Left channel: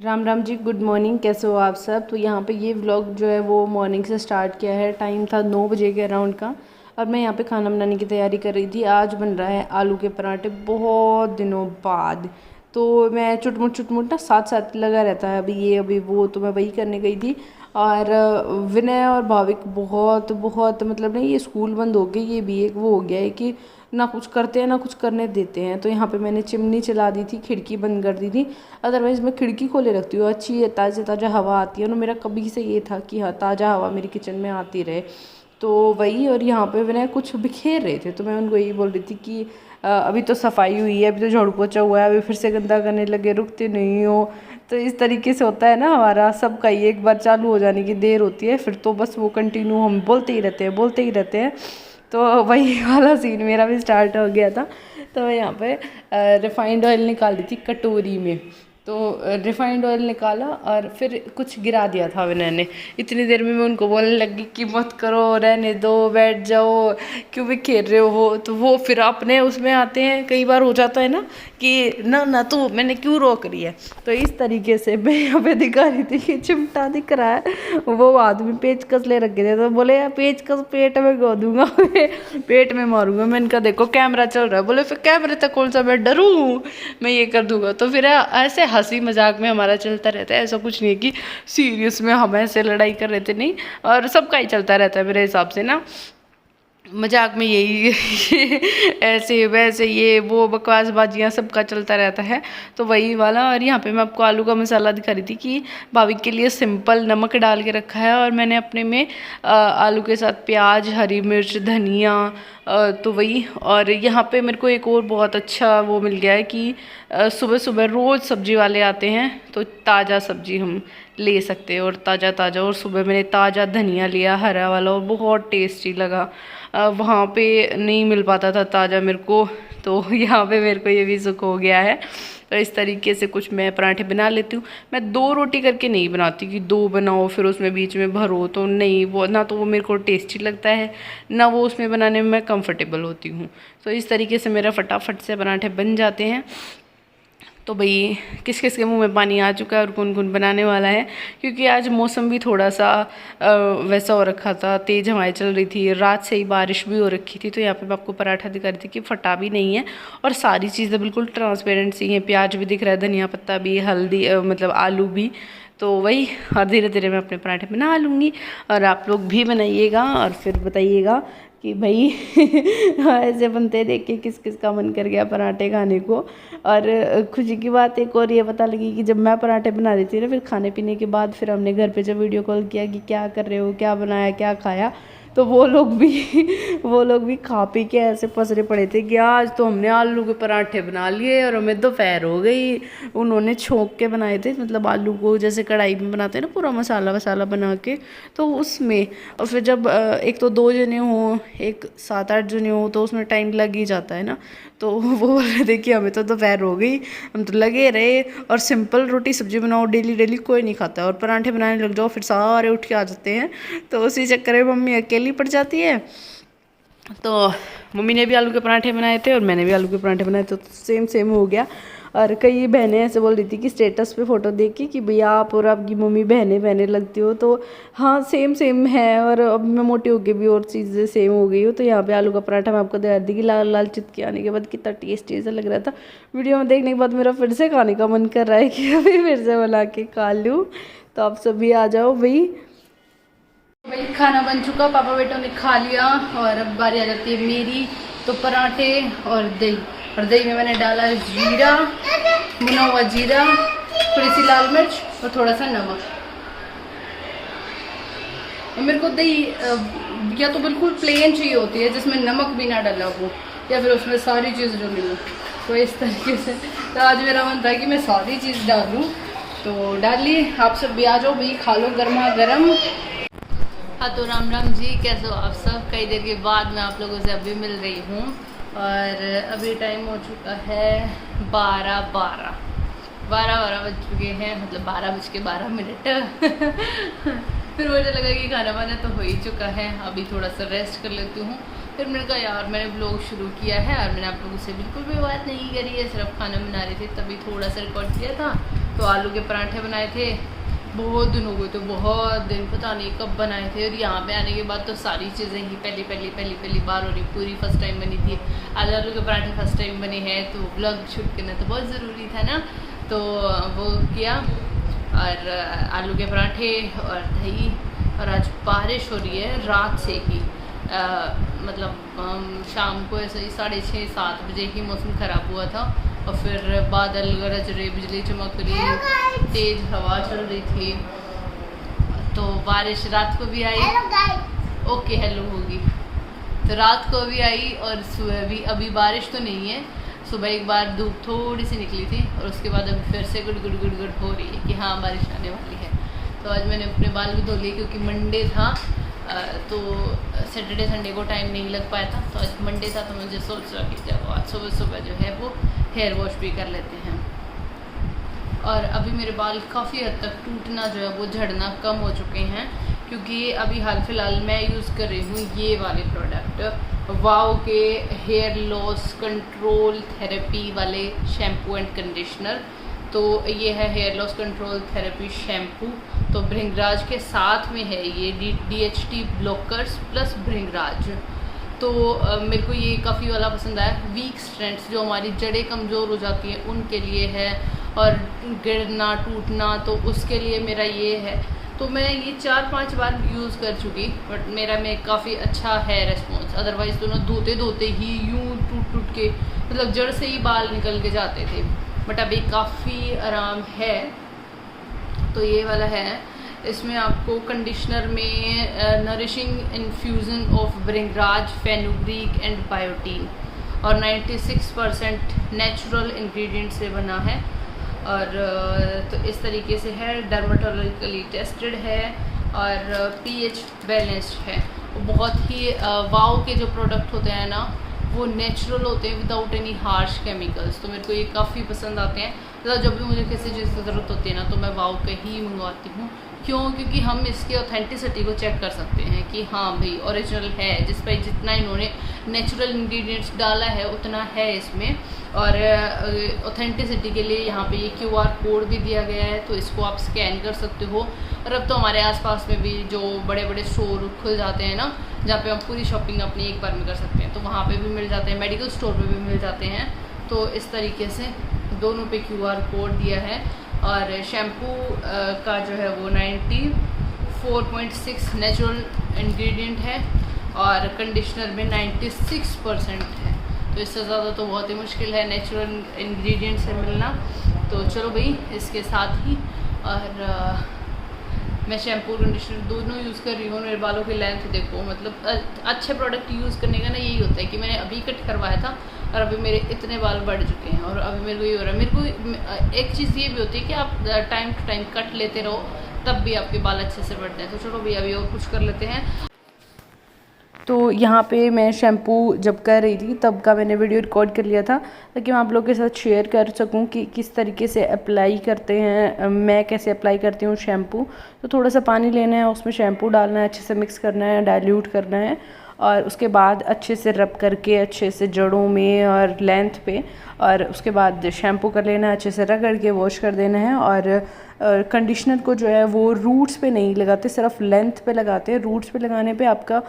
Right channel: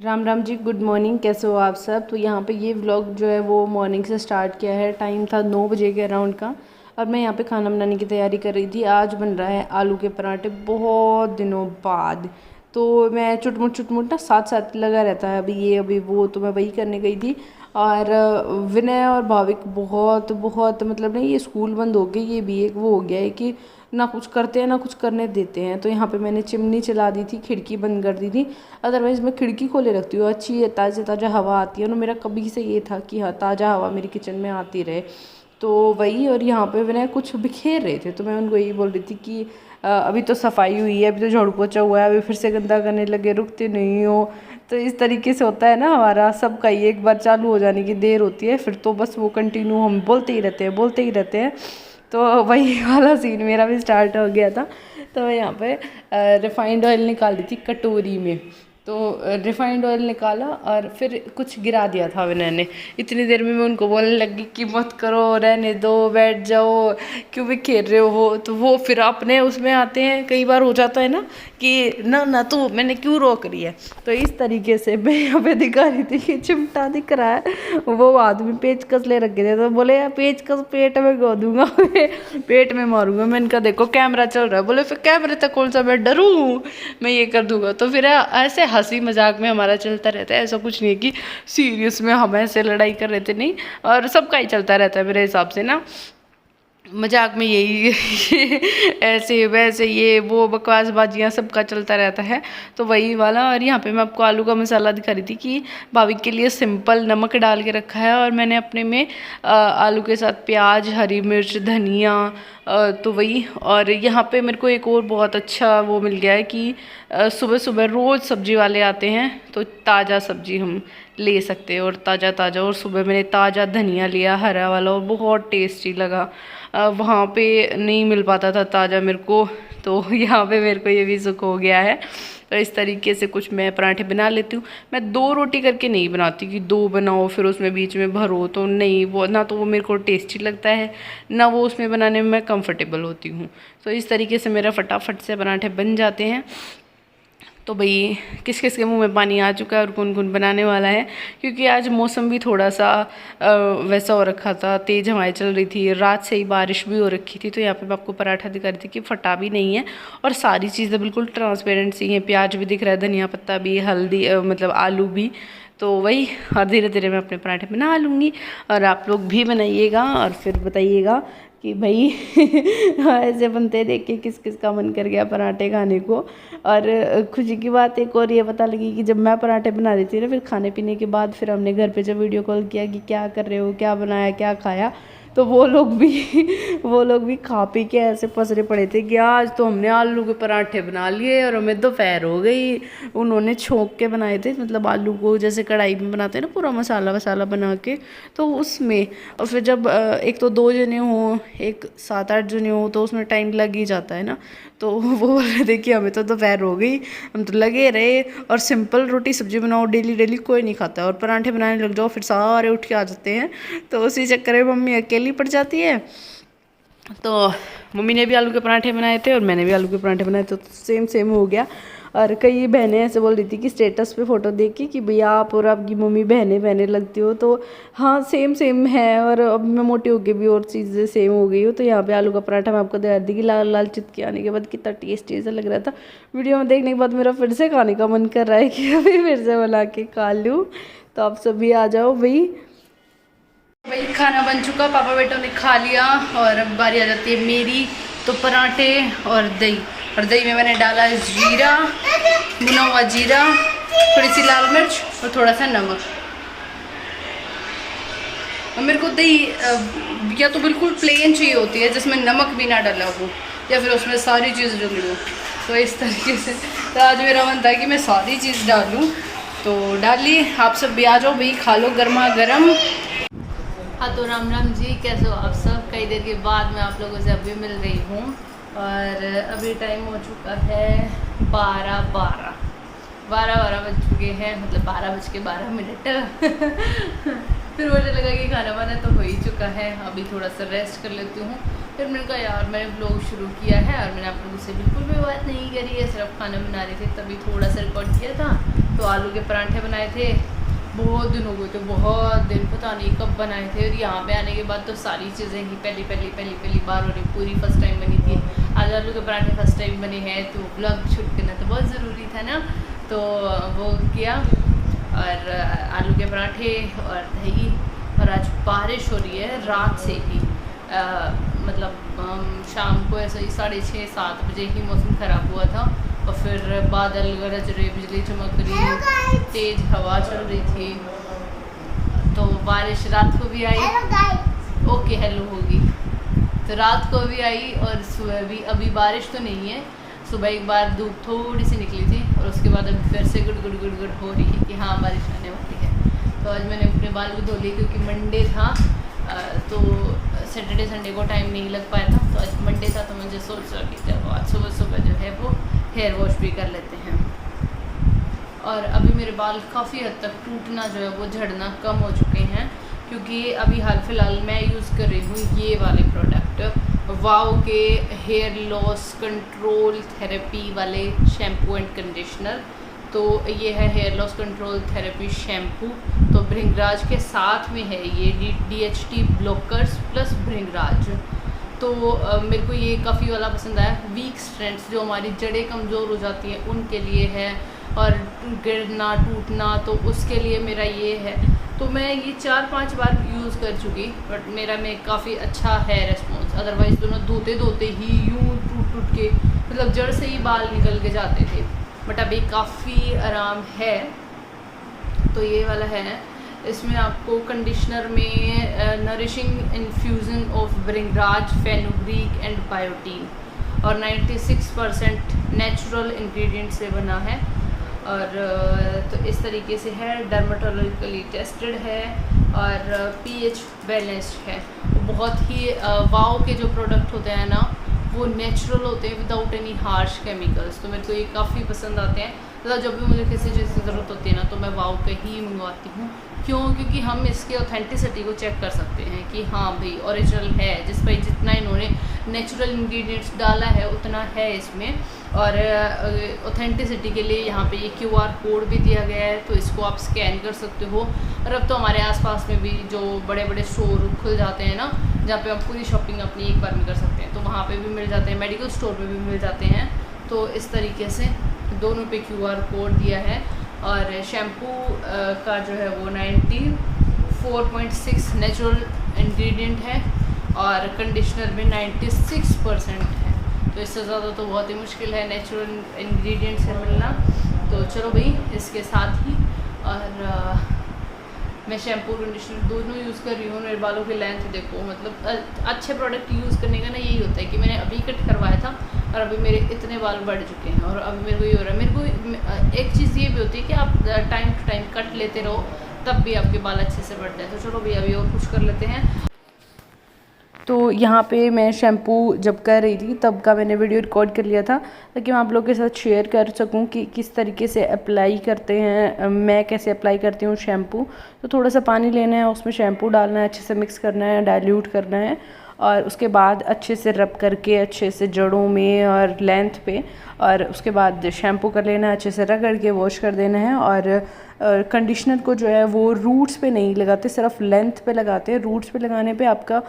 Ram Ram ji, good morning. कैसे हो आप सब। तो यहाँ पे ये व्लॉग जो है वो मॉर्निंग से स्टार्ट किया है। टाइम था 9 बजे के अराउंड का और मैं यहाँ पे खाना बनाने की तैयारी कर रही थी। आज बन रहा है आलू के पराठे बहुत दिनों बाद। तो मैं चुटमुट ना साथ साथ लगा रहता है, अभी ये अभी वो, तो मैं वही करने गई थी। और विनय और भाविक बहुत बहुत मतलब नहीं, ये स्कूल बंद हो गई, ये भी एक वो हो गया है कि ना कुछ करते हैं ना कुछ करने देते हैं। तो यहाँ पे मैंने चिमनी चला दी थी, खिड़की बंद कर दी थी। अदरवाइज़ मैं खिड़की खोले रखती हूँ, अच्छी ताज़ा ताज़ा हवा आती है ना। मेरा कभी से ये था कि हाँ ताज़ा हवा मेरी किचन में आती रहे। तो वही, और यहाँ पे मैंने कुछ बिखेर रहे थे तो मैं उनको यही बोल रही थी कि अभी तो सफाई हुई है, अभी तो झाड़ू पोछा हुआ है, अभी फिर से गंदा करने लगे, रुकते नहीं हो। तो इस तरीके से होता है ना, हमारा सबका ही एक बार चालू हो जाने की देर होती है, फिर तो बस वो कंटिन्यू हम बोलते ही रहते हैं बोलते ही रहते हैं। तो वही वाला सीन मेरा भी स्टार्ट हो गया था। तो मैं यहाँ पे रिफाइंड ऑयल निकाल दी थी कटोरी में। तो रिफाइंड ऑयल निकाला और फिर कुछ गिरा दिया था मैंने। इतनी देर में मैं उनको बोलने लगी कि मत करो, रहने दो, बैठ जाओ, क्यों भी खेल रहे हो। वो तो वो फिर अपने उसमें आते हैं। कई बार हो जाता है ना कि ना ना तो मैंने क्यों रोक रही है। तो इस तरीके से मैं यहाँ पे दिखा रही थी कि चिमटा दिख रहा है। वो आदमी पेचकस ले रखे थे तो बोले यार पेचकस पेट में गो दूंगा पेट में मारूंगा। मैंने कहा देखो कैमरा चल रहा है। बोले फिर कैमरे तक कौन सा मैं डरूँ, मैं ये कर दूंगा। तो फिर ऐसे हंसी मजाक में हमारा चलता रहता है, ऐसा कुछ नहीं है कि सीरियस में हम ऐसे लड़ाई कर रहे थे, नहीं। और सबका ही चलता रहता है मेरे हिसाब से ना, मजाक में यही ऐसे वैसे ये वो बकवासबाजियाँ सबका चलता रहता है। तो वही वाला। और यहाँ पे मैं आपको आलू का मसाला दिखा रही थी कि भाभी के लिए सिंपल नमक डाल के रखा है और मैंने अपने में आलू के साथ प्याज, हरी मिर्च, धनिया, तो वही। और यहाँ पे मेरे को एक और बहुत अच्छा वो मिल गया है कि सुबह सुबह रोज़ सब्जी वाले आते हैं तो ताज़ा सब्जी हम ले सकते हैं, और ताज़ा ताज़ा। और सुबह मैंने ताज़ा धनिया लिया हरा वाला और बहुत टेस्टी लगा। वहाँ पे नहीं मिल पाता था ताज़ा मेरे को, तो यहाँ पे मेरे को ये भी सुख हो गया है। तो इस तरीके से कुछ मैं पराठे बना लेती हूँ। मैं 2 रोटी करके नहीं बनाती कि 2 बनाओ फिर उसमें बीच में भरो, तो नहीं, वो ना तो वो मेरे को टेस्टी लगता है ना वो उसमें बनाने में मैं कंफर्टेबल होती हूँ। तो इस तरीके से मेरा फटाफट से पराठे बन जाते हैं। तो भाई किस किस के मुंह में पानी आ चुका है और कौन कौन बनाने वाला है, क्योंकि आज मौसम भी थोड़ा सा वैसा हो रखा था, तेज़ हवाएं चल रही थी, रात से ही बारिश भी हो रखी थी। तो यहाँ पे मैं आपको पराठा दिखा रही थी कि फटा भी नहीं है और सारी चीज़ें बिल्कुल ट्रांसपेरेंट सी हैं। प्याज भी दिख रहा है, धनिया पत्ता भी, हल्दी मतलब आलू भी। तो वही, और धीरे धीरे मैं अपने पराठे बना लूँगी और आप लोग भी बनाइएगा और फिर बताइएगा कि भाई ऐसे बनते देख के किस किस का मन कर गया पराठे खाने को। और खुशी की बात एक और ये पता लगी कि जब मैं पराठे बना रही थी ना, फिर खाने पीने के बाद फिर हमने घर पे जब वीडियो कॉल किया कि क्या कर रहे हो, क्या बनाया, क्या खाया, तो वो लोग भी वो लोग भी खा पी के ऐसे पसरे पड़े थे कि आज तो हमने आलू के पराठे बना लिए और हमें दोपहर हो गई। उन्होंने छोंक के बनाए थे, मतलब आलू को जैसे कढ़ाई में बनाते हैं ना, पूरा मसाला वसाला बना के, तो उसमें। और फिर जब एक तो 2 जने हों, एक 7-8 जने हों, तो उसमें टाइम लग ही जाता है ना। तो वो बोल रहे थे कि हमें तो दोपहर हो गई, हम तो लगे रहे। और सिंपल रोटी सब्जी बनाओ डेली डेली कोई नहीं खाता, और पराठे बनाने लग जाओ फिर सारे उठ के आ जाते हैं। तो उसी चक्कर में मम्मी अकेली पड़ जाती है। तो मम्मी ने भी आलू के पराठे बनाए थे और मैंने भी आलू के पराठे बनाए थे, तो सेम सेम हो गया। और कई बहनें ऐसे बोल रही थी कि स्टेटस पे फ़ोटो देख के कि भैया आप और आपकी मम्मी बहनें बहनें लगती हो। तो हाँ सेम सेम है, और अब मैं मोटी हो के भी और चीज़ें सेम हो गई हूँ। तो यहाँ पे आलू का पराठा मैं आपको दिखा दी कि लाल लाल चितके आने के बाद कितना टेस्टी ऐसा लग रहा था। वीडियो में देखने के बाद मेरा फिर से खाने का मन कर रहा है कि अभी फिर से बना के खा लूँ। तो आप सभी आ जाओ भाई खाना बन चुका, पापा बेटों ने खा लिया और अब बारी आ जाती है मेरी। तो पराठे और दही, और दही में मैंने डाला जीरा, भुना हुआ जीरा, थोड़ी सी लाल मिर्च और थोड़ा सा नमक। और मेरे को दही या तो बिल्कुल प्लेन चाहिए होती है जिसमें नमक भी ना डाला हो, या फिर उसमें सारी चीज़ डली हो। तो इस तरीके से तो आज मेरा मन था कि मैं सारी चीज़ डालूँ, तो डाली। आप सब भी आ जाओ भाई, खा लो गर्मा गर्म। हाँ तो राम राम जी, कैसे हो आप सब। कई देर के बाद मैं आप लोगों से अभी मिल रही हूँ और अभी टाइम हो चुका है 12 बज चुके हैं, मतलब 12:12। फिर मुझे लगा कि खाना वाना तो हो ही चुका है, अभी थोड़ा सा रेस्ट कर लेती हूँ। फिर मैंने कहा यार मैंने ब्लॉग शुरू किया है और मैंने आप लोगों से बिल्कुल भी बात नहीं करी है, सिर्फ खाना बना रही थी, तभी थोड़ा सा रिकॉर्ड किया था। तो आलू के पराठे बनाए थे, बहुत दिन हो गए थे, बहुत दिन, पता नहीं कब बनाए थे। और यहाँ पे आने के बाद तो सारी चीज़ें ही पहली बार हो रही, पूरी फर्स्ट टाइम बनी थी। आज आलू के पराठे फर्स्ट टाइम बने हैं, तो ब्लॉग शूट करना तो बहुत ज़रूरी था ना, तो वो किया। और आलू के पराठे और दही। और आज बारिश हो रही है रात से ही, मतलब शाम को ऐसा ही 6:30-7 बजे ही मौसम ख़राब हुआ था, और फिर बादल गरज रहे, बिजली चमक रही, तेज़ हवा चल रही थी, तो बारिश रात को भी आई। ओके हेलो होगी, तो रात को भी आई और सुबह भी। अभी बारिश तो नहीं है, सुबह एक बार धूप थोड़ी सी निकली थी, और उसके बाद अभी फिर से गुड़ हो रही है कि हाँ बारिश आने वाली है। तो आज मैंने अपने बाल भी धो लिए, क्योंकि मंडे था, तो सैटरडे संडे को टाइम नहीं लग पाया था, तो आज मंडे था, तो मुझे सोचा कि जब आज सुबह जो है वो हेयर वॉश भी कर लेते हैं। और अभी मेरे बाल काफ़ी हद तक टूटना जो है वो झड़ना कम हो चुके हैं, क्योंकि अभी हाल फिलहाल मैं यूज़ कर रही हूँ ये वाले प्रोडक्ट, वाओ के हेयर लॉस कंट्रोल थेरेपी वाले शैम्पू एंड कंडीशनर। तो ये है hair loss control therapy shampoo, तो भृंगराज के साथ में है ये DHT ब्लॉकर्स प्लस भृंगराज। तो मेरे को ये काफ़ी वाला पसंद आया। वीक स्ट्रैंड्स, जो हमारी जड़ें कमज़ोर हो जाती हैं उनके लिए है, और गिरना टूटना, तो उसके लिए मेरा ये है। तो मैं ये 4-5 बार यूज़ कर चुकी, बट मेरा में काफ़ी अच्छा है रेस्पॉन्स। अदरवाइज़ तो ना धोते ही यूँ टूट के, मतलब जड़ से ही बाल निकल के जाते थे, बट अभी काफ़ी आराम है। तो ये वाला है, इसमें आपको कंडीशनर में nourishing infusion of bhringraj, fenugreek and biotin, और 96% नेचुरल इंग्रेडिएंट से बना है। और तो इस तरीके से है, डर्माटोलॉजिकली टेस्टेड है, और pH बैलेंस्ड है। बहुत ही वाओ के जो प्रोडक्ट होते हैं ना, वो नेचुरल होते हैं विदाउट एनी हार्श केमिकल्स, तो मेरे को ये काफ़ी पसंद आते हैं। मतलब जब भी मुझे किसी चीज़ की ज़रूरत होती है ना, तो मैं वाओ के ही मंगवाती हूँ। क्यों? क्योंकि हम इसके ऑथेंटिसिटी को चेक कर सकते हैं कि हाँ भाई ओरिजिनल है, जिस पर जितना इन्होंने नेचुरल इंग्रेडिएंट्स डाला है उतना है इसमें। और ऑथेंटिसिटी के लिए यहाँ पे ये QR कोड भी दिया गया है, तो इसको आप स्कैन कर सकते हो। और अब तो हमारे आसपास में भी जो बड़े बड़े स्टोर खुल जाते हैं ना, जहाँ पे हम पूरी शॉपिंग अपनी एक बार में कर सकते हैं, तो वहाँ पे भी मिल जाते हैं, मेडिकल स्टोर पे भी मिल जाते हैं। तो इस तरीके से दोनों पे QR कोड दिया है। और शैम्पू का जो है वो 94.6 नेचुरल इंग्रेडिएंट है, और कंडीशनर में 96% है। तो इससे ज़्यादा तो बहुत ही मुश्किल है नेचुरल इंग्रेडिएंट से मिलना। तो चलो भाई, इसके साथ ही और मैं शैम्पू कंडीशनर दोनों यूज़ कर रही हूँ। मेरे बालों की लेंथ देखो, मतलब अच्छे प्रोडक्ट यूज़ करने का ना यही होता है कि मैंने अभी कट करवाया था, और अभी मेरे इतने बाल बढ़ चुके हैं। और अभी मेरे को ये हो रहा है, मेरे को एक चीज़ ये भी होती है कि आप टाइम टू टाइम कट लेते रहो, तब भी आपके बाल अच्छे से बढ़ते हैं। तो चलो भैया अभी और कुछ कर लेते हैं। तो यहाँ पे मैं शैम्पू जब कर रही थी तब का मैंने वीडियो रिकॉर्ड कर लिया था, ताकि मैं आप लोगों के साथ शेयर कर सकूँ कि किस तरीके से अप्लाई करते हैं, मैं कैसे अप्लाई करती हूँ शैम्पू। तो थोड़ा सा पानी लेना है, उसमें शैम्पू डालना है, अच्छे से मिक्स करना है, डाइल्यूट करना है, और उसके बाद अच्छे से रब करके अच्छे से जड़ों में और लेंथ पे, और उसके बाद शैम्पू कर लेना है, अच्छे से रगड़ के वॉश कर देना है। और कंडीशनर को जो है वो रूट्स पे नहीं लगाते, सिर्फ लेंथ पे लगाते हैं। रूट्स पे लगाने पे आपका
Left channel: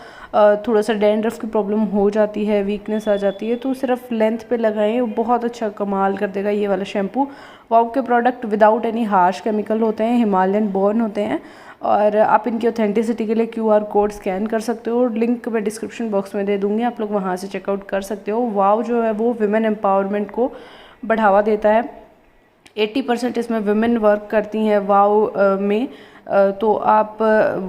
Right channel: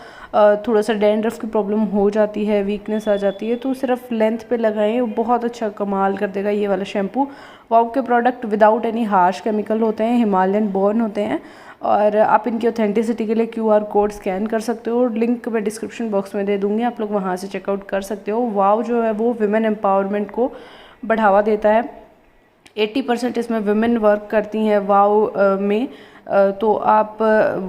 थोड़ा सा डैंड्रफ की प्रॉब्लम हो जाती है, वीकनेस आ जाती है, तो सिर्फ लेंथ पे लगाएं, वो बहुत अच्छा कमाल कर देगा ये वाला शैम्पू। वाओ के product without any harsh chemical होते हैं, हिमालयन बोर्न होते हैं, और आप इनकी ऑथेंटिसिटी के लिए QR कोड स्कैन कर सकते हो। लिंक मैं डिस्क्रिप्शन बॉक्स में दे दूँगी, आप लोग वहाँ से चेकआउट कर सकते हो। वाओ जो है वो विमेन एम्पावरमेंट को बढ़ावा देता है। 80% इसमें विमेन वर्क करती हैं वाओ में। तो आप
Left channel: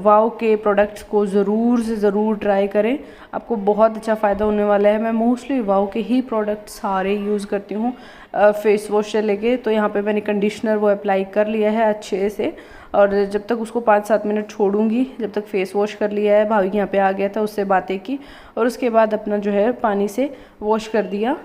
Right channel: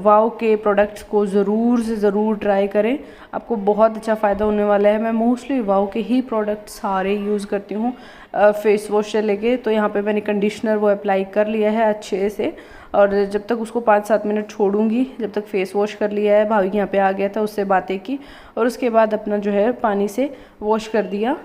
वाओ के प्रोडक्ट्स को ज़रूर से ज़रूर ट्राई करें, आपको बहुत अच्छा फ़ायदा होने वाला है। मैं मोस्टली वाओ के ही प्रोडक्ट सारे यूज़ करती हूँ, फेस वॉश से लेके। तो यहाँ पे मैंने कंडीशनर वो अप्लाई कर लिया है अच्छे से, और जब तक उसको 5-7 मिनट छोड़ूंगी, जब तक फेस वॉश कर लिया है। भाभी यहाँ पे आ गया था, उससे बातें की, और उसके बाद अपना जो है पानी से वॉश कर दिया।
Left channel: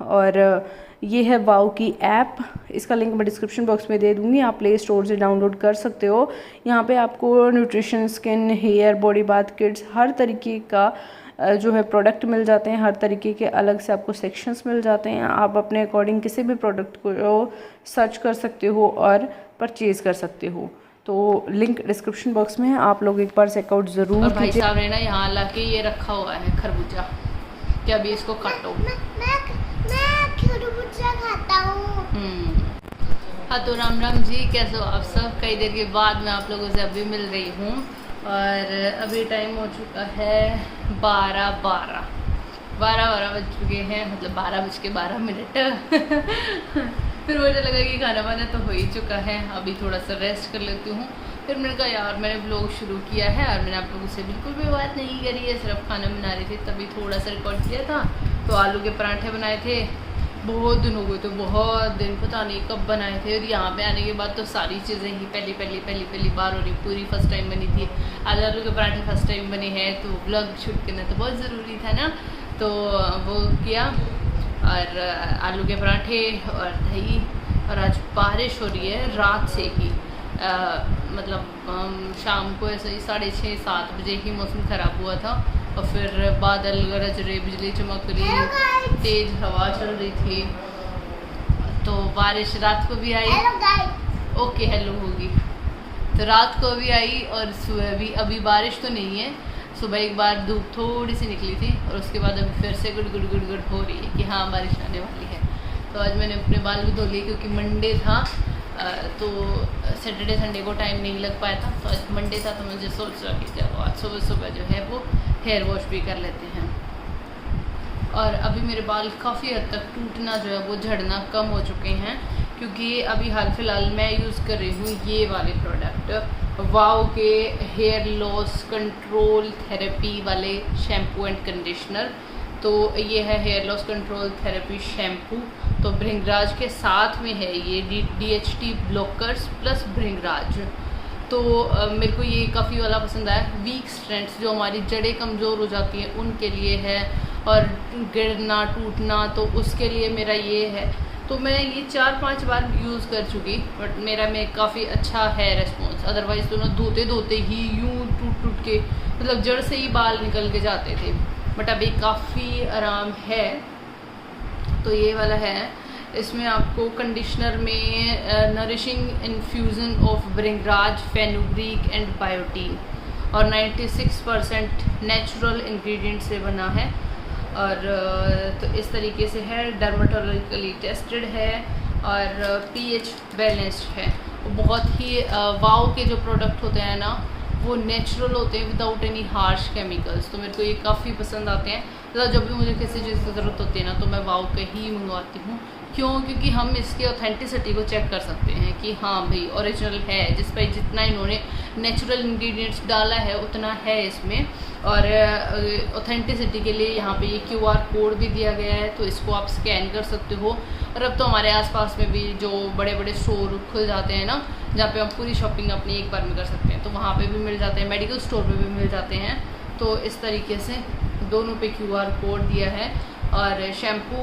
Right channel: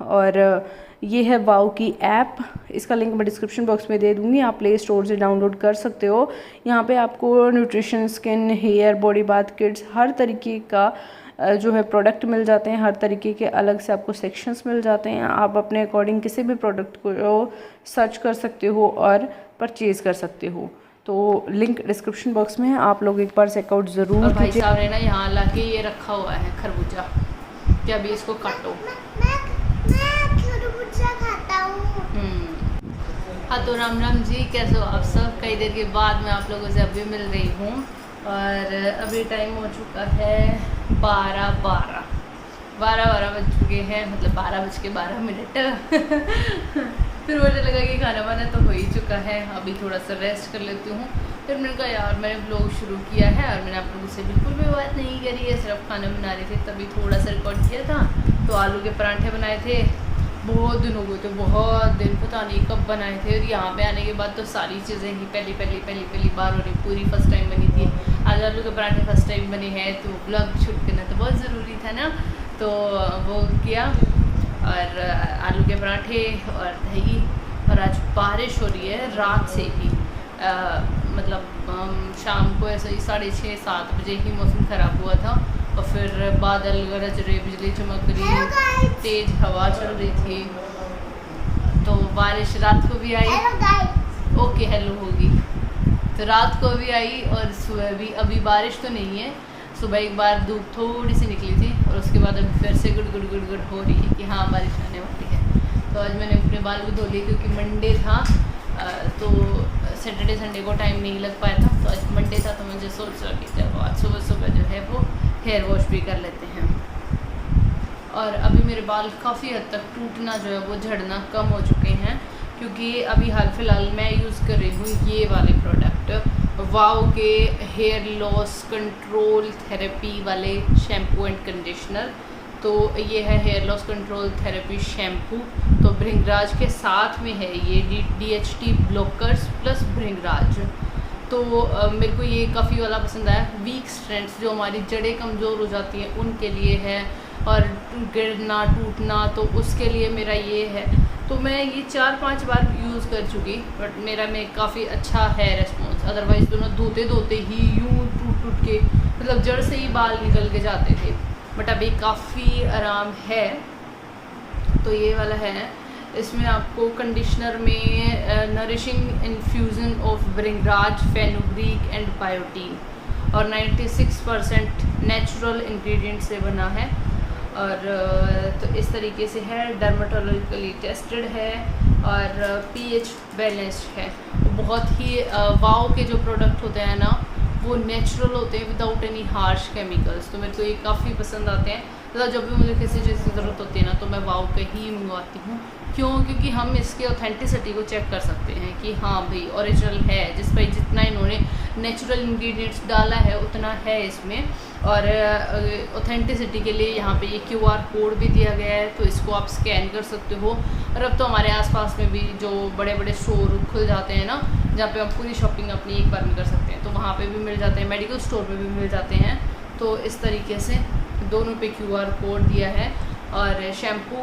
और ये है वाओ की ऐप, इसका लिंक मैं डिस्क्रिप्शन बॉक्स में दे दूँगी, आप प्ले स्टोर से डाउनलोड कर सकते हो। यहाँ पे आपको nutrition, skin, hair, body bath kits, हर तरीके का जो है प्रोडक्ट मिल जाते हैं, हर तरीके के अलग से आपको सेक्शंस मिल जाते हैं। आप अपने अकॉर्डिंग किसी भी प्रोडक्ट को सर्च कर सकते हो और परचेज़ कर सकते हो। तो लिंक डिस्क्रिप्शन बॉक्स में है, आप लोग एक बार चेकआउट ज़रूर कीजिए। भाई साहब ने ना यहाँ लाके ये रखा हुआ है खरबूजा, कि अभी इसको काटो। मैं खरबूजा खाता हूँ। हाँ तो राम राम जी, कैसे हो आप सब। कई देर के बाद मैं आप लोगों से अभी मिल रही हूँ और अभी टाइम हो चुका है 12 बज चुके हैं, मतलब 12:12। फिर मुझे लगा कि खाना वाना तो हो ही चुका है, अभी थोड़ा सा रेस्ट कर लेती हूँ। फिर मैंने कहा यार मैंने ब्लॉग शुरू किया है और मैंने आप लोगों से बिल्कुल भी बात नहीं करी है, सिर्फ खाना बना रही थी, तभी थोड़ा सा रिकॉर्ड किया था। तो आलू के पराठे बनाए थे, बहुत दिन हो गए थे, बहुत दिन, पता नहीं कब बनाए थे। और यहाँ पे आने के बाद तो सारी चीज़ें ही पहली बार हो रही, पूरी फर्स्ट टाइम बनी थी। आज आलू के पराठे फर्स्ट टाइम बने हैं, तो ब्लॉग शूट करना तो बहुत ज़रूरी था ना, तो वो किया। और आलू के पराठे और दही, और आज बारिश हो रही है रात से ही, मतलब शाम को ऐसे ही 6:30-7 बजे ही मौसम ख़राब हुआ था और फिर बादल गरज रहे, बिजली चमक रही, तेज़ हवा चल रही थी। तो बारिश रात को भी आई, ओके हेलो होगी, तो रात को भी आई और सुबह भी। अभी बारिश तो नहीं है, सुबह एक बार धूप थोड़ी सी निकली थी और उसके बाद अभी फिर से गुड़ हो रही है कि हाँ बारिश आने वाली है। तो आज मैंने अपने बाल भी धो लिए क्योंकि मंडे था, तो सैटरडे संडे को टाइम नहीं लग पाया था, तो आज मंडे था, तो मुझे सोचा कि चलो आज सुबह जो है वो हेयर वॉश भी कर लेते हैं। और अभी मेरे बाल काफ़ी हद तक टूटना जो है वो झड़ना कम हो चुके हैं, क्योंकि अभी हाल फिलहाल मैं यूज़ कर रही हूँ ये वाले प्रोडक्ट, वाओ के हेयर लॉस कंट्रोल थेरेपी वाले शैम्पू एंड कंडीशनर। तो ये है hair loss control therapy shampoo, तो भृंगराज के साथ में है ये DHT ब्लॉकर्स प्लस भृंगराज। तो मेरे को ये काफ़ी वाला पसंद आया। वीक स्ट्रैंड्स, जो हमारी जड़ें कमज़ोर हो जाती हैं उनके लिए है, और गिरना टूटना तो उसके लिए मेरा ये है। तो मैं ये 4-5 बार यूज़ कर चुकी, बट मेरा में काफ़ी अच्छा है रिस्पॉन्स। अदरवाइज़ तो ना धोते ही यूँ टूट के, मतलब जड़ से ही बाल निकल के जाते थे, बट अभी काफ़ी आराम है। तो ये वाला है, इसमें आपको कंडीशनर में nourishing infusion of bhringraj, fenugreek and biotin, और 96% नेचुरल इंग्रेडिएंट से बना है। और तो इस तरीके से है, डर्माटोलॉजिकली टेस्टेड है और pH बैलेंस्ड है। बहुत ही वाओ के जो प्रोडक्ट होते हैं ना वो नेचुरल होते हैं, विदाउट एनी हार्श केमिकल्स। तो मेरे को ये काफ़ी पसंद आते हैं। तो जब भी मुझे किसी चीज़ की ज़रूरत होती है ना, तो मैं वाओ के ही मंगवाती हूँ। क्यों? क्योंकि हम इसके ऑथेंटिसिटी को चेक कर सकते हैं कि हाँ भाई ओरिजिनल है, जिस पर जितना इन्होंने नेचुरल इंग्रेडिएंट्स डाला है उतना है इसमें। और ऑथेंटिसिटी के लिए यहाँ पे ये QR कोड भी दिया गया है, तो इसको आप स्कैन कर सकते हो। और अब तो हमारे आसपास में भी जो बड़े बड़े स्टोर खुल जाते हैं ना, जहाँ पे हम पूरी शॉपिंग अपनी एक बार में कर सकते हैं, तो वहाँ पे भी मिल जाते हैं, मेडिकल स्टोर पे भी मिल जाते हैं। तो इस तरीके से दोनों पे QR कोड दिया है। और शैम्पू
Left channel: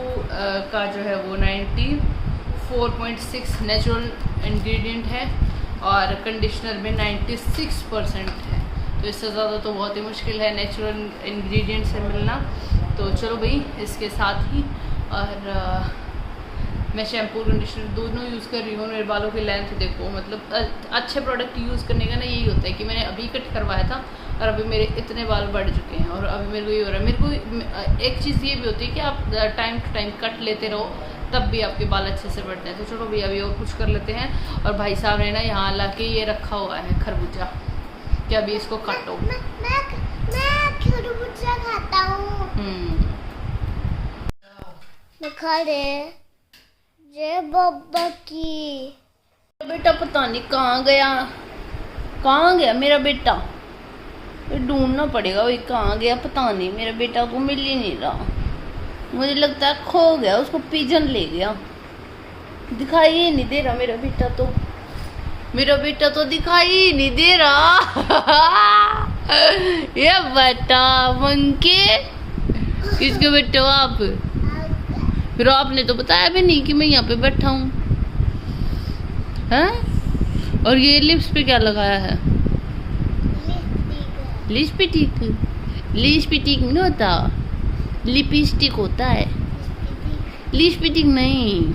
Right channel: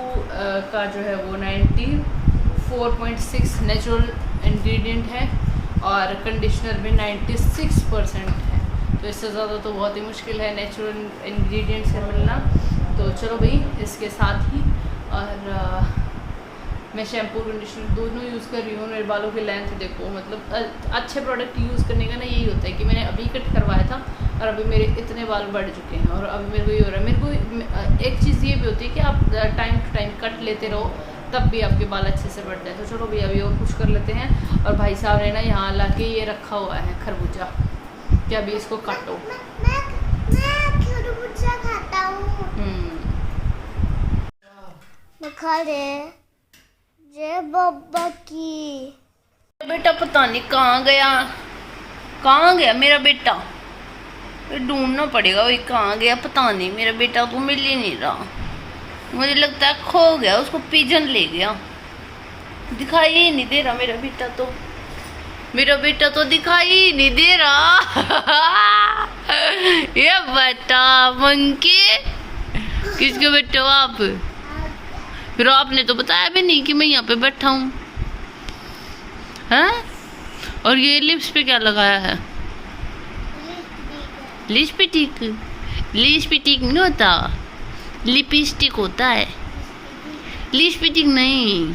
का जो है वो 94.6 नेचुरल इंग्रेडिएंट है और कंडीशनर में 96% है। तो इससे ज़्यादा तो बहुत ही मुश्किल है नेचुरल इंग्रेडिएंट से मिलना। तो चलो भाई, इसके साथ ही और मैं शैम्पू कंडीशनर दोनों यूज़ कर रही हूँ। मेरे बालों की लेंथ देखो, मतलब अच्छे प्रोडक्ट यूज़ करने का ना यही होता है कि मैंने अभी कट करवाया था और अभी मेरे इतने बाल बढ़ चुके हैं। और अभी मेरे को ये हो रहा है, मेरे को एक चीज़ ये भी होती है कि आप टाइम टू टाइम कट लेते रहो, तब भी आपके बाल अच्छे से बढ़ते हैं। तो चलो भैया अभी और कुछ कर लेते हैं। और भाई साहब ने ना यहाँ ला के ये रखा हुआ है खरबूजा, कि अभी इसको काटो। मैं खरबूजा खाता हूँ। खा ले जय बाबा की। बेटा पता नहीं कहाँ गया मेरा बेटा, ढूंढना पड़ेगा वही कहाँ गया, पता नहीं। मेरा बेटा तो मिल ही नहीं रहा, मुझे लगता है खो गया, उसको पिजन ले गया। दिखाई ही नहीं दे रहा मेरा बेटा तो दिखाई ही नहीं दे रहा। ये बेटा मंकी, किसके बेटे हो आप? फिर आपने तो बताया भी नहीं कि मैं यहाँ पे बैठा हूँ, हैं? और ये लिप्स पे क्या लगाया है? लिपस्टिक। लिपस्टिक नहीं होता, लिपस्टिक होता है, लिपस्टिक नहीं।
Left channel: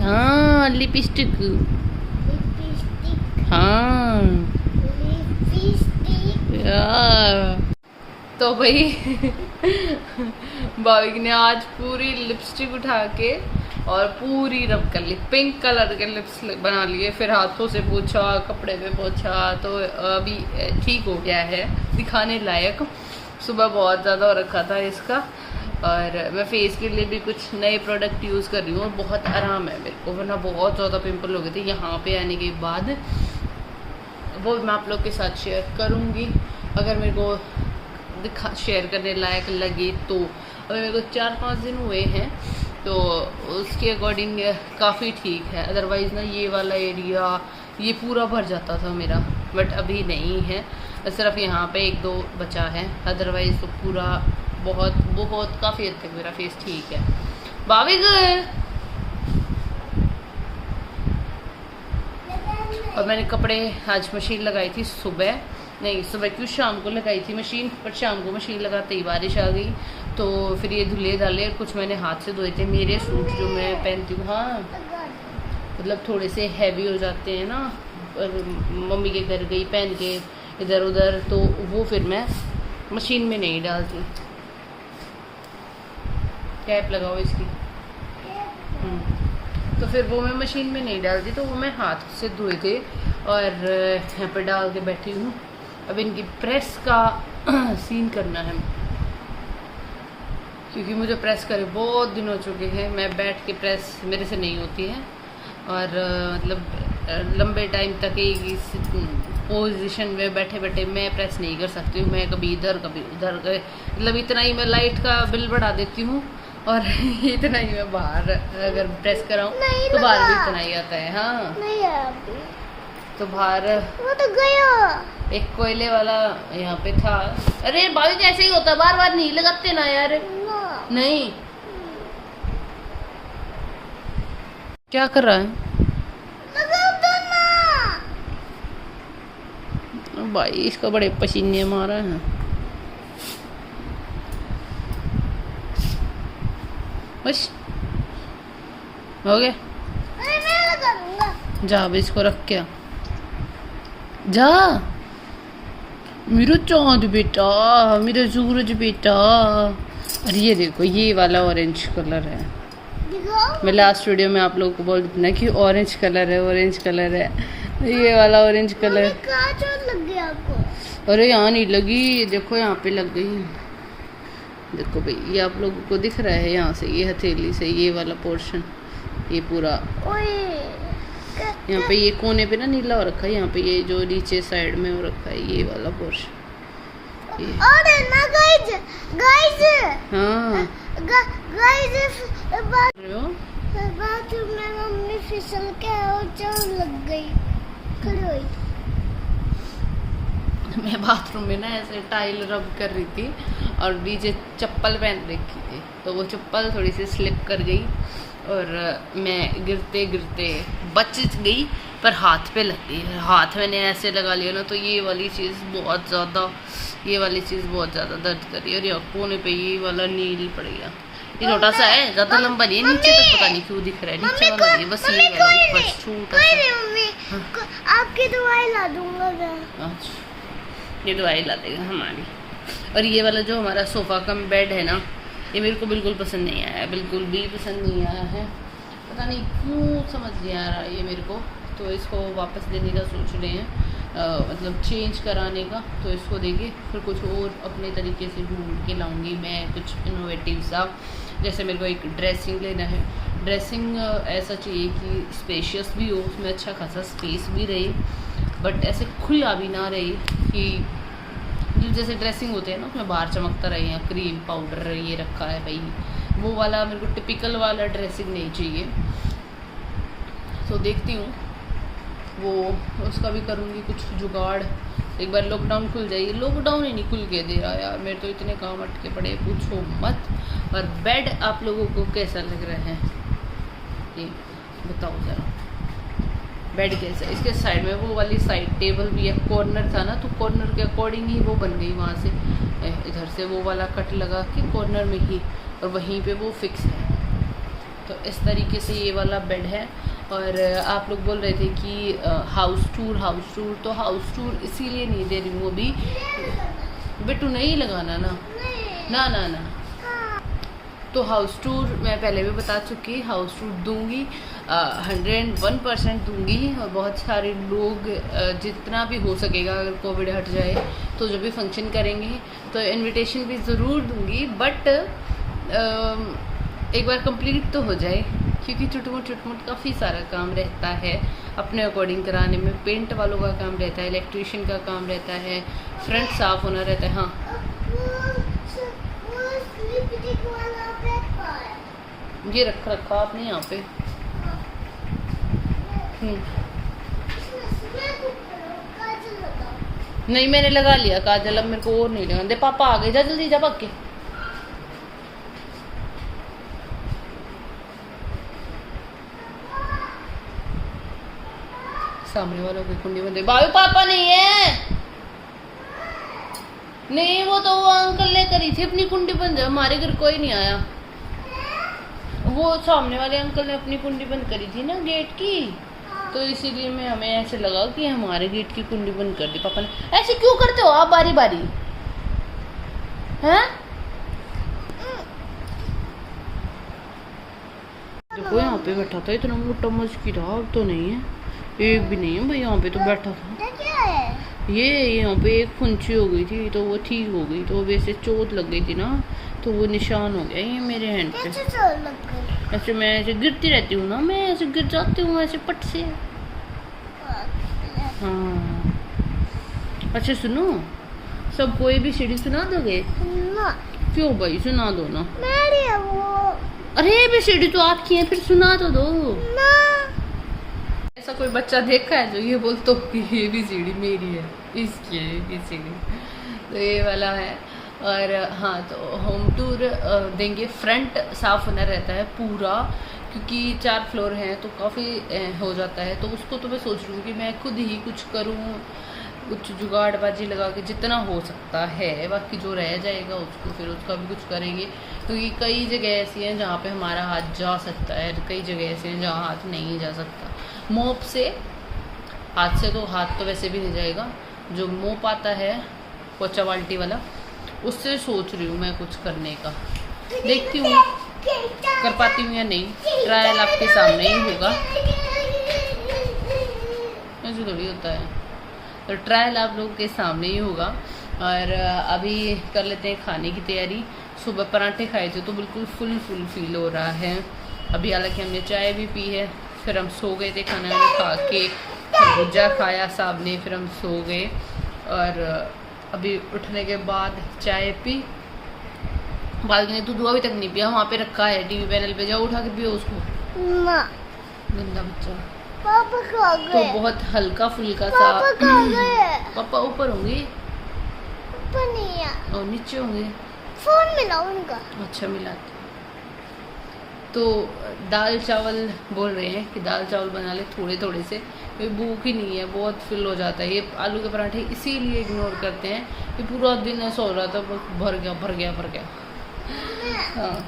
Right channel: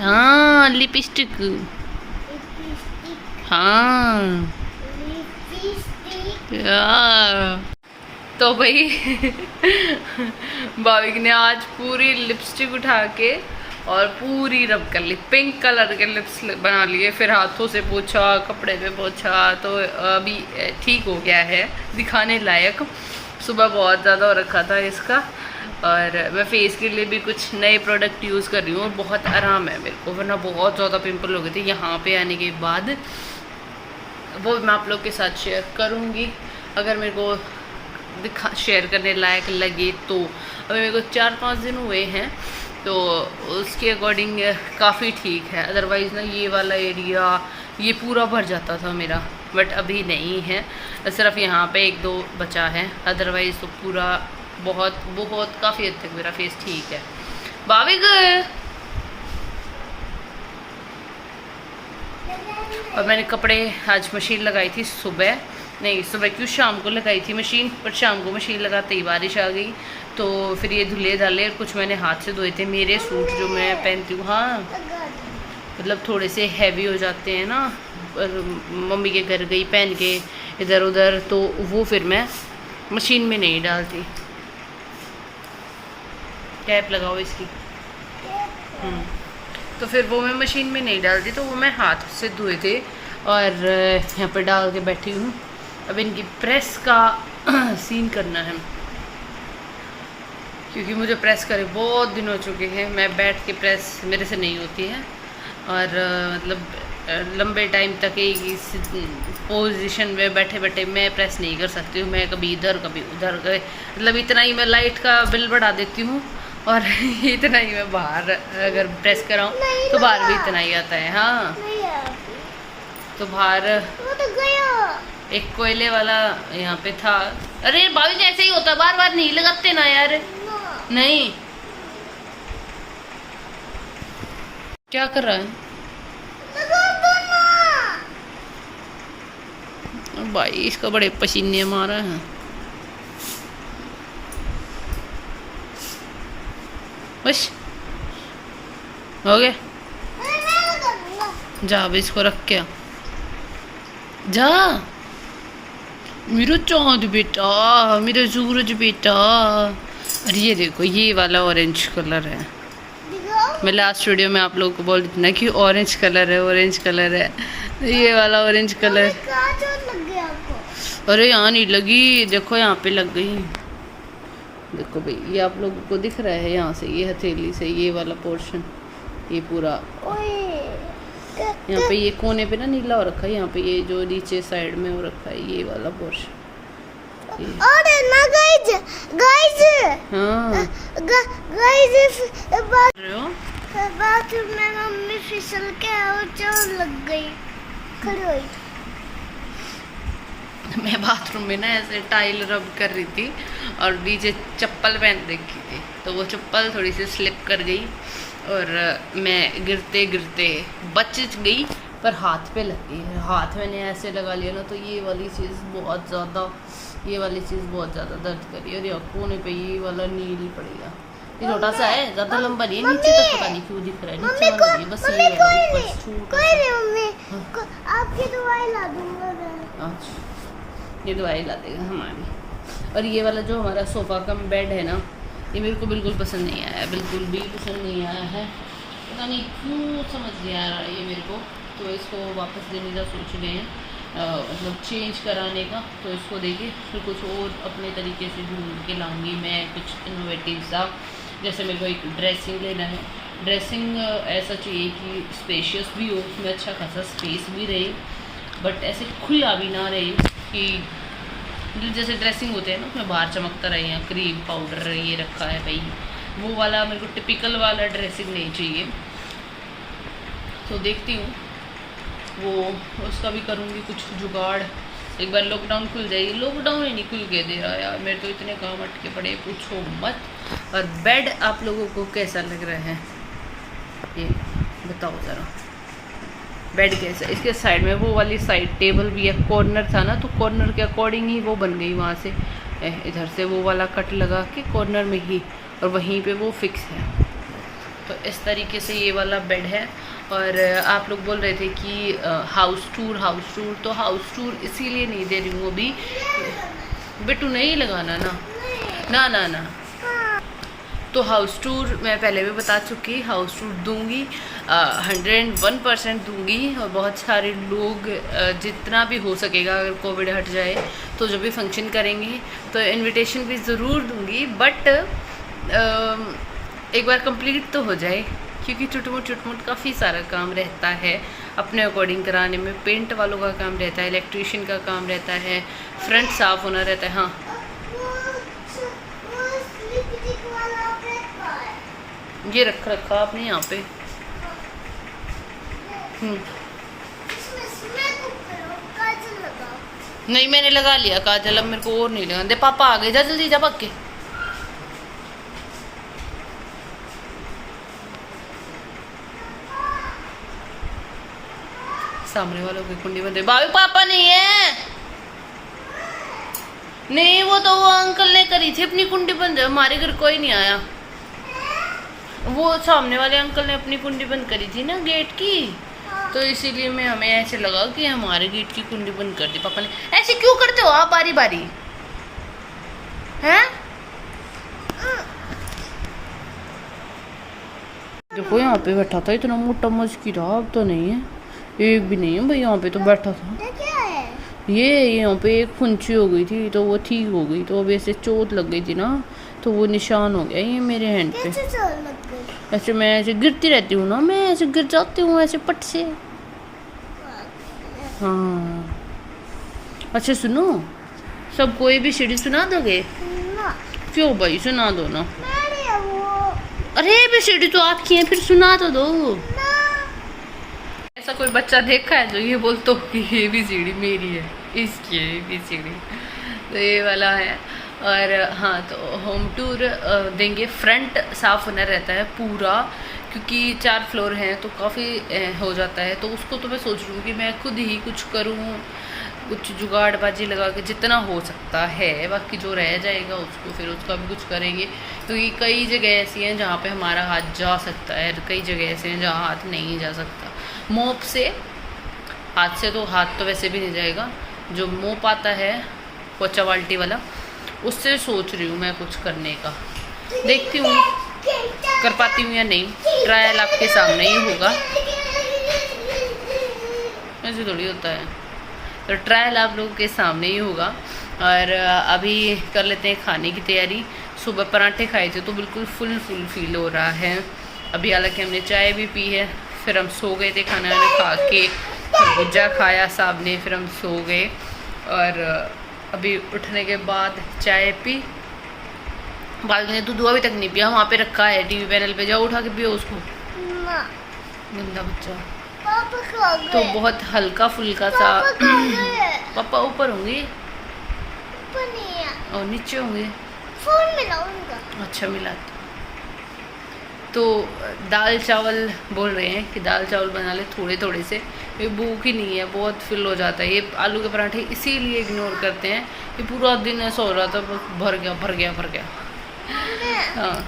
हाँ लिपस्टिक, हाँ यार। तो भाई भाविक ने आज पूरी लिपस्टिक उठा के और पूरी रब कर ली, पिंक कलर के लिप्स बना लिए, फिर हाथों से पोछा, कपड़े पे पोछा, तो अभी ठीक हो गया है, दिखाने लायक। सुबह बहुत ज़्यादा हो रखा था इसका, और मैं फेस के लिए भी कुछ नए प्रोडक्ट यूज़ कर रही हूँ और बहुत आराम है मेरे को, वरना बहुत ज़्यादा पिंपल हो गए थे यहाँ पे आने के बाद। वो मैं आप लोग के साथ शेयर करूँगी अगर मेरे को शेयर करने लायक लगे तो। अभी मेरे को 4-5 दिन हुए हैं, तो उसके अकॉर्डिंग काफ़ी ठीक है। अदरवाइज़ ना ये वाला एरिया ये पूरा भर जाता था मेरा, बट अभी नहीं है, सिर्फ यहाँ पे 1-2 बचा है, अदरवाइज़ तो पूरा बहुत काफ़ी हद तक मेरा फेस ठीक है। भाविक और मैंने कपड़े आज मशीन लगाई थी सुबह, नहीं सुबह क्यों शाम को लगाई थी मशीन, पर शाम को मशीन लगाते ही बारिश आ गई, तो फिर ये धुले डाले, कुछ मैंने हाथ से धोए थे। मेरे सूट जो मैं पहनती हूँ, हाँ मतलब थोड़े से हैवी हो जाते हैं ना, और मम्मी के घर गई पहन के इधर उधर, तो वो फिर मैं मशीन में नहीं डालती। कैप लगाओ इसकी। तो फिर वो मैं मशीन में नहीं डालती, तो वो मैं हाथ से धोए थे और यहाँ पे डाल के बैठी हूँ। अब इनकी प्रेस का सीन करना है, क्योंकि मुझे प्रेस करे बहुत दिन हो चुके हैं, मैं बैठ के प्रेस मेरे से नहीं होती है, और मतलब लंबे टाइम तक एक ही पोजीशन में बैठे बैठे मैं प्रेस नहीं कर सकती हूँ। मैं कभी इधर कभी उधर गए, मतलब इतना ही मैं लाइट का बिल बढ़ा देती हूँ, और इतना ही मैं बाहर अगर प्रेस कराऊँ तो बाहर भी इतना ही आता है। हाँ तो बाहर वो तो गया। एक कोयले वाला यहाँ पे था। अरे भाभी ऐसे ही होता, बार बार नहीं लगाते ना यार। नहीं क्या कर रहा है लगा दो ना। भाई, इसका बड़े पसीने मारा है। बस हो गया, मैं लगा दूंगा। जा अब इसको रख के आ। जा मेरा चांद बेटा, मेरा सूरज बेटा। अरे ये देखो, ये वाला ऑरेंज कलर है। दिखाओ। मैं लास्ट वीडियो में आप लोगों को बोल देती ना कि ऑरेंज कलर है, ऑरेंज कलर है, ये वाला ऑरेंज कलर। कहाँ चोट लग गई आपको? अरे यहाँ नहीं लगी, देखो यहाँ पे लग गई। देखो भाई, ये आप लोगों को दिख रहा है यहाँ से, ये हथेली से ये वाला पोर्शन, ये पूरा यहाँ पे ये कोने पे ना नीला हो रखा है, यहाँ पे ये जो नीचे साइड में हो रखा है ये वाला पोर्शन। और ना गाइस, हाँ गाइस बात बाथरूम में मम्मी फिसल के और चोट लग गई, खड़ी हुई। मैं बाथरूम में ना ऐसे टाइल रब कर रही थी और नीचे चप्पल पहन रखी थी, तो वो चप्पल थोड़ी सी स्लिप कर गई और मैं गिरते गिरते बच गई, पर हाथ पे लग गई। हाथ मैंने ऐसे लगा लिया ना, तो ये वाली चीज़ बहुत ज़्यादा दर्द कर रही है, और ये कोने पे ये वाला नील पड़ गया। ये छोटा सा है, ज़्यादा लंबा नहीं है, नीचे तक पता नहीं क्यों दिख रहा है, नीचे वाला नहीं, बस ये वाला बस छोटा सा। मम्मी आपकी दवाई ला दूंगा मैं। ये दवाई ला देगा हमारी। और ये वाला जो हमारा सोफ़ा कम बेड है ना, ये मेरे को बिल्कुल पसंद नहीं आया, बिल्कुल भी पसंद नहीं आया है, पता नहीं क्यों समझ नहीं आ रहा ये मेरे को। तो इसको वापस देने का सोच रहे हैं, मतलब चेंज कराने का। तो इसको देके फिर कुछ और अपने तरीके से ढूंढ के लाऊंगी मैं, कुछ इनोवेटिव सा। जैसे मेरे को एक ड्रेसिंग लेना है, ड्रेसिंग ऐसा चाहिए कि स्पेशियस भी हो, उसमें अच्छा खासा स्पेस भी रहे, बट ऐसे खुला भी ना रहे कि जैसे ड्रेसिंग होते हैं ना उसमें बाहर चमकता रहे, या क्रीम पाउडर ये रखा है भाई, वो वाला मेरे को टिपिकल वाला ड्रेसिंग नहीं चाहिए। तो देखती हूँ वो उसका भी करूँगी कुछ जुगाड़। एक बार लॉकडाउन खुल जाएगी, लॉकडाउन ही नहीं खुल के दे रहा यार, मेरे तो इतने काम अटके पड़े पूछो मत। और बेड आप लोगों को कैसा लग रहा है ये बताओ ज़रा, बेड के इसके साइड में वो वाली साइड टेबल भी है, कॉर्नर था ना तो कॉर्नर के अकॉर्डिंग ही वो बन गई वहाँ से, इधर से वो वाला कट लगा के कॉर्नर में ही, और वहीं पे वो फिक्स है। तो इस तरीके से ये वाला बेड है। और आप लोग बोल रहे थे कि हाउस टूर, तो हाउस टूर इसीलिए नहीं दे रही हूँ अभी, बेटू नहीं लगाना ना, ना ना ना। तो हाउस टूर मैं पहले भी बता चुकी, हाउस टूर दूंगी, 101% दूंगी। और बहुत सारे लोग, जितना भी हो सकेगा, अगर कोविड हट जाए तो जब भी फंक्शन करेंगे तो इनविटेशन भी ज़रूर दूंगी, बट एक बार कंप्लीट तो हो जाए, क्योंकि चुटमुट काफ़ी सारा काम रहता है अपने अकॉर्डिंग कराने में। पेंट वालों का काम रहता है, इलेक्ट्रिशियन का काम रहता है, फ्रंट साफ़ होना रहता है। हाँ, ये रखा आपने यहाँ पे। नहीं, मैंने लगा लिया काजल, अब मेरे को और नहीं लगा दे। पापा आ गए, जा जल्दी जा भाग के। सामने वालों की कुंडी बंद है। बाबू पापा नहीं है, नहीं वो तो वो अंकल ने करी थी अपनी कुंडी बंद, हमारे घर कोई नहीं आया। वो सामने वाले अंकल ने अपनी कुंडी बंद करी थी ना गेट की, तो इसीलिए मैं हमें ऐसे लगा कि हमारे गेट की कुंडी बंद कर दी पापा ने। ऐसे क्यों करते हो आप बारी बारी, हैं? देखो यहाँ पे बैठा था, इतना मोटा मस्किरा, अब तो नहीं है, एक भी नहीं है भाई, यहाँ पे तो बैठा था। क्या है? ये यहाँ पे एक फुंची हो गई थी तो वो ठीक हो गई, तो अब ऐसे चोट लग गई थी ना, तो वो निशान हो गया ये मेरे हैंड पे। कैसे चोट लग गई? ऐसे मैं ऐसे गिरती रहती हूँ ना, मैं ऐसे गिर जाती हूँ ऐसे पट से। हाँ, अच्छा सुनो, सब कोई भी सीढ़ी सुना दोगे? ना। क्यों भाई, सुना दो ना। मेरी है वो। अरे भी सीढ़ी तो आपकी है, फिर सुना तो दो ना। ऐसा कोई बच्चा देखा है जो ये बोलते हो कि ये भी सीढ़ी मेरी है, इसकी है भी सीढ़ी, तो ये वाला है। और हाँ, तो होम टूर देंगे। फ्रंट साफ़ होना रहता है पूरा, क्योंकि 4 फ्लोर हैं तो काफ़ी हो जाता है, तो उसको तो मैं सोच रही हूँ कि मैं खुद ही कुछ करूँ, कुछ जुगाड़बाजी लगा के जितना हो सकता है, बाकी जो रह जाएगा उसको फिर उसका भी कुछ करेंगे। तो ये कई जगह ऐसी हैं जहाँ पे हमारा हाथ जा सकता है, कई जगह ऐसे हैं जहाँ हाथ नहीं जा सकता। मोप से, हाथ से तो हाथ तो वैसे भी नहीं जाएगा, जो मोप आता है पोचा बाल्टी वाला, उससे सोच रही हूँ मैं कुछ करने का, देखती हूँ कर पाती हूँ या नहीं। ट्रायल आपके सामने ही होगा, ऐसे थोड़ी होता है, तो ट्रायल आप लोगों के सामने ही होगा। और अभी कर लेते हैं खाने की तैयारी। सुबह पराठे खाए थे तो बिल्कुल फुल फील हो रहा है अभी, हालांकि हमने चाय भी पी है, फिर हम सो गए थे, खाना खा के भुजा खाया साहब ने, फिर हम सो गए। और अभी उठने के बाद चाय पी, बाल्टी ने दूध अभी तक नहीं पिया, वहाँ पे रखा है टीवी पैनल पे, जाओ उठा के पियो उसको। गंदा बच्चा। तो बहुत हल्का फुल्का सा। पापा ऊपर होंगे, ऊपर नहीं है, और नीचे होंगे, फोन मिलाऊंगा। अच्छा मिलाते। तो दाल चावल बोल रहे हैं कि दाल चावल बना ले थोड़े थोड़े से, ये भूख ही नहीं है, बहुत फिल हो जाता है। ये आलू के पराठे इसीलिए इग्नोर करते हैं, ये पूरा दिन ऐसा हो रहा था बस भर गया। हाँ,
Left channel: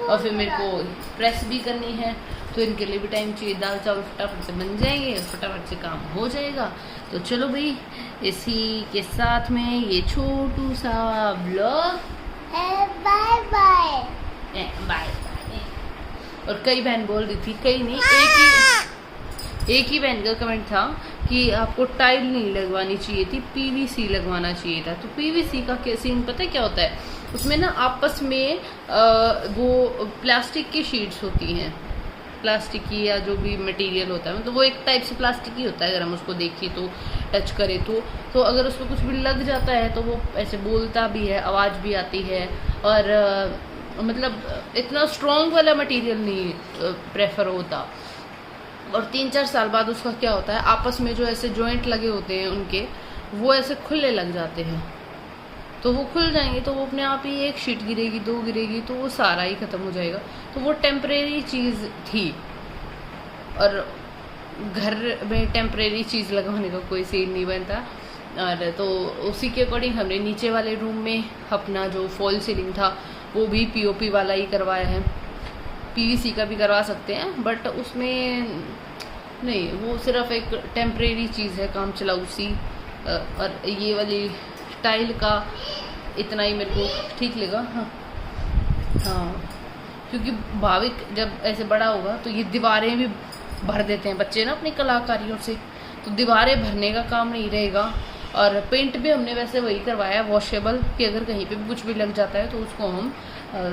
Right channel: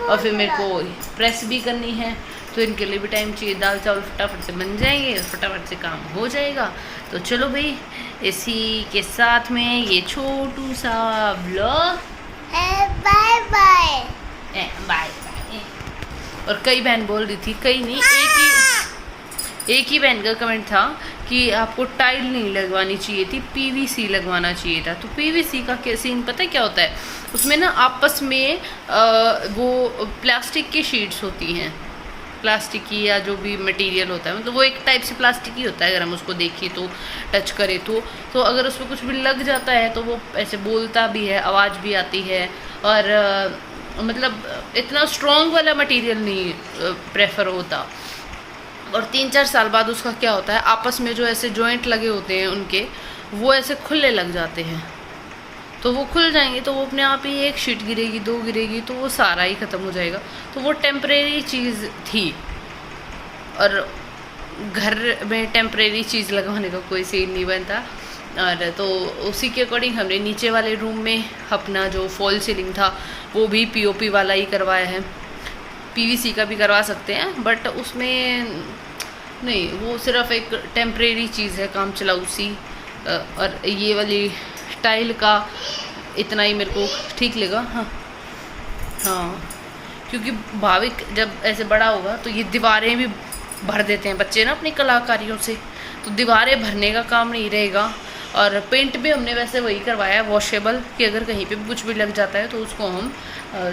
और फिर मेरे को प्रेस भी करनी है, तो इनके लिए भी टाइम चाहिए। दाल चावल फटाफट से बन जाएंगे, फटाफट से काम हो जाएगा। तो चलो भाई, इसी के साथ में ये छोटू सा व्लॉग, बाय बाय। बाय। और कई बहन बोल रही थी, कई नहीं, एक ही बहन का कमेंट था कि आपको टाइल नहीं लगवानी चाहिए थी, पीवीसी लगवाना चाहिए था। तो पीवीसी का क्या सीन पता है क्या होता है, उसमें ना आपस में वो प्लास्टिक की शीट्स होती हैं, प्लास्टिक की या जो भी मटेरियल होता है, मतलब वो एक टाइप से प्लास्टिक ही होता है, अगर हम उसको देखें तो, टच करें तो अगर उसमें कुछ भी लग जाता है तो वो ऐसे बोलता भी है, आवाज़ भी आती है। और मतलब इतना स्ट्रॉन्ग वाला मटेरियल नहीं प्रेफर होता। और 3-4 साल बाद उसका क्या होता है, आपस में जो ऐसे जॉइंट लगे होते हैं उनके, वो ऐसे खुलने लग जाते हैं। तो वो खुल जाएंगे तो वो अपने आप ही, एक शीट गिरेगी, 2 गिरेगी, तो वो सारा ही ख़त्म हो जाएगा। तो वो टेम्परेरी चीज़ थी। और घर में टेम्परेरी चीज़ लगवाने का कोई सीन नहीं बनता। और तो उसी के अकॉर्डिंग हमने नीचे वाले रूम में अपना जो फॉल सीलिंग था वो भी पीओपी वाला ही करवाया है। पीवीसी का भी करवा सकते हैं बट उसमें नहीं, वो सिर्फ एक टेम्परेरी चीज़ है, काम चलाऊ सी। और ये वाली टाइल का इतना ही मेरे को ठीक लगा। हाँ, क्योंकि भाविक जब ऐसे बड़ा होगा तो ये दीवारें भी भर देते हैं बच्चे ना अपनी कलाकारियों से, तो दीवारें भरने का काम नहीं रहेगा। और पेंट भी हमने वैसे वही करवाया है वॉशेबल, कि अगर कहीं पे कुछ भी लग जाता है तो उसको हम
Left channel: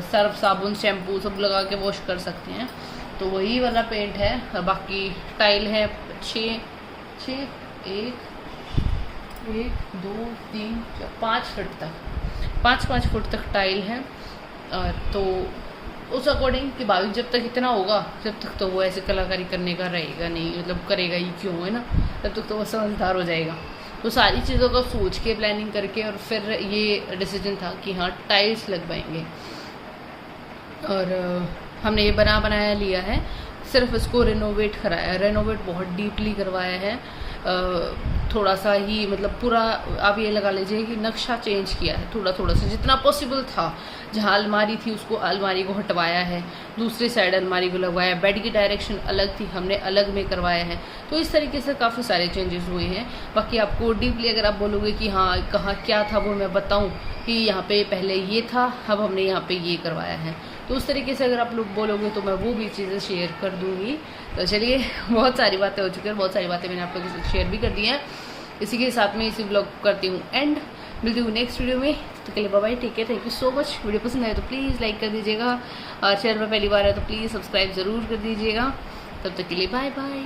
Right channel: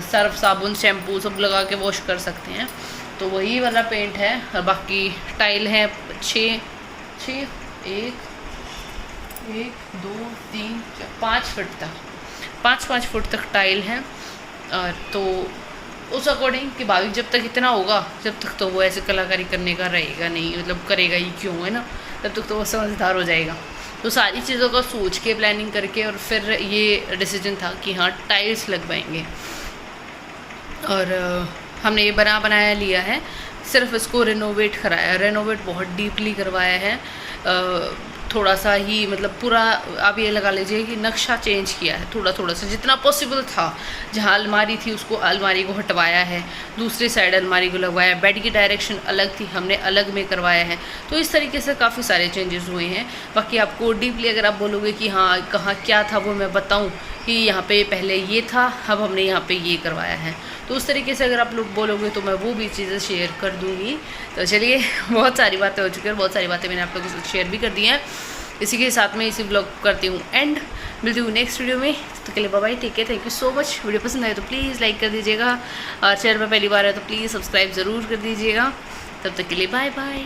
सर्फ साबुन शैम्पू सब लगा के वॉश कर सकते हैं, तो वही वाला पेंट है। और बाकी टाइल है 6 1 2 3 4 5 फुट तक 5 फुट तक टाइल है। और तो उस अकॉर्डिंग कि भाविक जब तक इतना होगा जब तक तो वो ऐसे कलाकारी करने का रहेगा नहीं, मतलब करेगा ही क्यों, है ना, तब तक तो वो समझदार हो जाएगा। तो सारी चीज़ों का सोच के प्लानिंग करके और फिर ये डिसीजन था कि हाँ टाइल्स लगवाएंगे। और हमने ये बनाया लिया है, सिर्फ इसको रेनोवेट कराया, रेनोवेट बहुत डीपली करवाया है। थोड़ा सा ही, मतलब पूरा आप ये लगा लीजिए कि नक्शा चेंज किया है थोड़ा सा, जितना पॉसिबल था। जहाँ अलमारी थी उसको, अलमारी को हटवाया है, दूसरी साइड अलमारी को लगवाया, बेड की डायरेक्शन अलग थी, हमने अलग में करवाया है। तो इस तरीके से काफ़ी सारे चेंजेस हुए हैं। बाकी आपको डीपली अगर आप बोलोगे कि हाँ कहाँ क्या था वो मैं बताऊँ कि यहाँ पे पहले ये था, अब हमने यहाँ पे ये करवाया है, तो उस तरीके से अगर आप लोग बोलोगे तो मैं वो भी चीज़ें शेयर कर दूँगी। तो चलिए, बहुत सारी बातें हो चुकी हैं, बहुत सारी बातें मैंने आप लोगों के साथ शेयर भी कर दी हैं। इसी के साथ में इसी ब्लॉग करती हूँ एंड, मिलती हूँ नेक्स्ट वीडियो में। तो के लिए bye bye, take care, thank you so much. Video पसंद आए तो प्लीज़ लाइक कर दीजिएगा, और चैनल पर पहली बार है तो प्लीज़ सब्सक्राइब ज़रूर कर दीजिएगा। तब तक के लिए बाय बाय।